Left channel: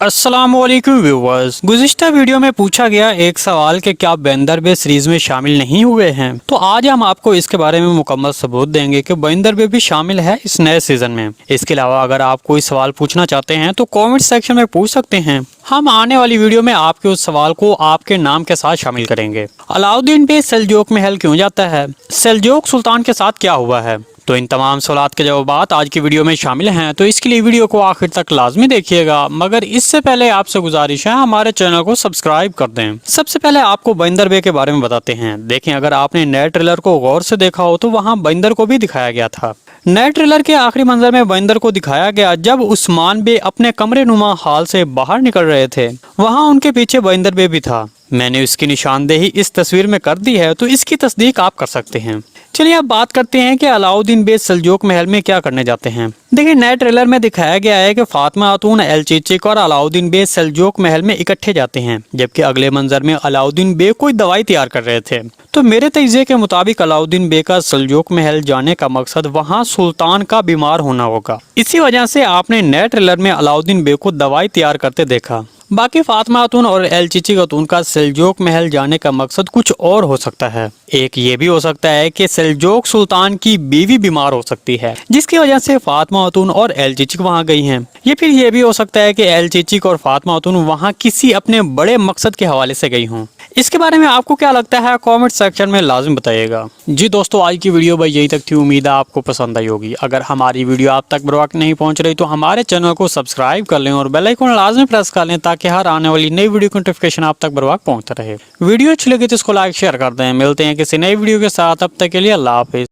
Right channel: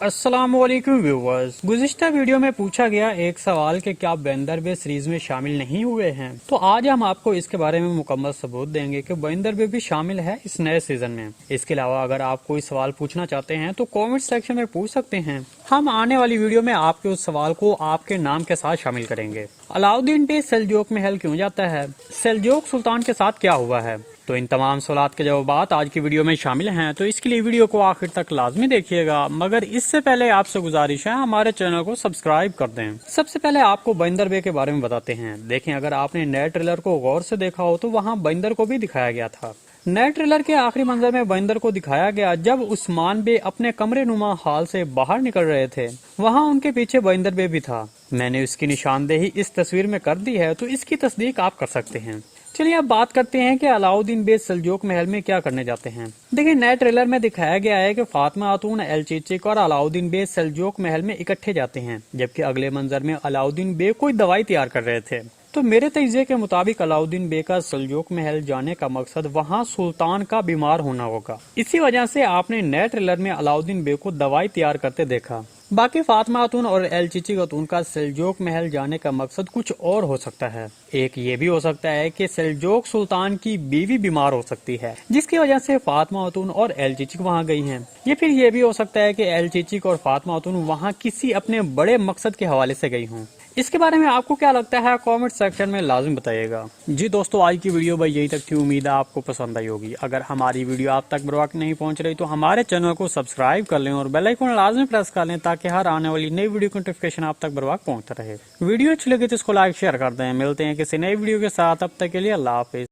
अस्सलामुअलैकुम viewers. गुज़िश्ता video में पूछा गया एक सवाल कि क्या बंदरबे सीरीज में शामिल नहीं हुए हैं, तो आज हम आपको इसके बारे में मुकम्मल सबूत देंगे कि बंदरबे भी शामिल है इस नए सीजन में। इसके अलावा अगर आप कोई सवाल पूछना चाहते हैं तो कमेंट सेक्शन में पूछ सकते हैं। हम आने वाली वीडियो में आपके उस सवाल को आपके नाम के साथ शामिल करेंगे। अलाउद्दीन बे सेल्जूक महल क्यों जाता है? सेल्जूक सुल्तान के साथ क्या हुआ है? तो इन तमाम सवालात के जवाब आज की वीडियो में शामिल हैं, तो इसके लिए वीडियो को आखिर तक लाजमी देखिएगा। मगर इससे पहले आपसे गुजारिश है हमारे चैनल को सब्सक्राइब कर दें। सबसे पहले आपको बंदरबे के बारे में बताते हैं। देखें, अगर आपने नए ट्रेलर को गौर से देखा हो तो वहाँ बंदर को भी दिखाया गया था। नए ट्रेलर के आखिरी मंजर में बंदर को दिखाया गया जब उस्मान बे अपने कमरे नुमा हाल से बाहर निकल रहे थे। वहाँ उनके पीछे बंदर बे भी था। मैंने इसकी निशानदेही इस तस्वीर में कर दी है, तो इसकी तस्दीक आप कर सकते हैं। चलिए अब बात करते हैं कि अलाउद्दीन बे सेल्जूक महल में क्या करने जाते हैं। देखिए, नए ट्रेलर में दिखाया गया है कि फातिमा खातून एलचीचिक और अलाउद्दीन बे सेल्जूक महल में इकट्ठे जाते हैं, जबकि अगले मंजर में अलाउद्दीन बे कोई दवाई तैयार कर रहे थे। तो मेरे तजज़िये के मुताबिक अलाउद्दीन बे का सेल्जूक महल जाने का मकसद वहाँ सुल्तान का बीमार होना होगा। इसी वजह से आपने नए ट्रेलर में अलाउद्दीन बे को दवाई तैयार करते देखा। बाकी फातिमा खातून और एलचीची खातून का सेल्जूक महल जाने का मकसद कुछ और हो सकता है। एक ये भी हो सकता है कि सेल्जूक सुल्तान की बीवी बीमार हो सकती है, जिसकी वजह से फातिमा खातून और एलचीची वहाँ गई हैं। ये भी हो सकता है कि एलचीची और फातिमा खातून वहाँ किसी अपने बड़े मकसद के हवाले से गई हों। इसके बारे में आपको क्या लगता है कमेंट सेक्शन में लाजिम बताइएगा। जी दोस्तों, आज की वीडियो भाई यही तक थी। उम्मीद है आपको पसंद आई होगी। अगर हमारी वीडियो आप तक बर वक्त नहीं पहुंच रही तो हमारे चैनल को सब्सक्राइब कर लें और बेल आइकन लाजमी प्रेस कर लें, ताकि हर आने वाली नई वीडियो की नोटिफिकेशन आप तक बर वक्त पहुंचता रहे। वीडियो अच्छी लगी तो इसको लाइक शेयर कर दें। मिलते हैं किसी नई वीडियो के साथ, अब तक के लिए अल्लाह हाफिज़।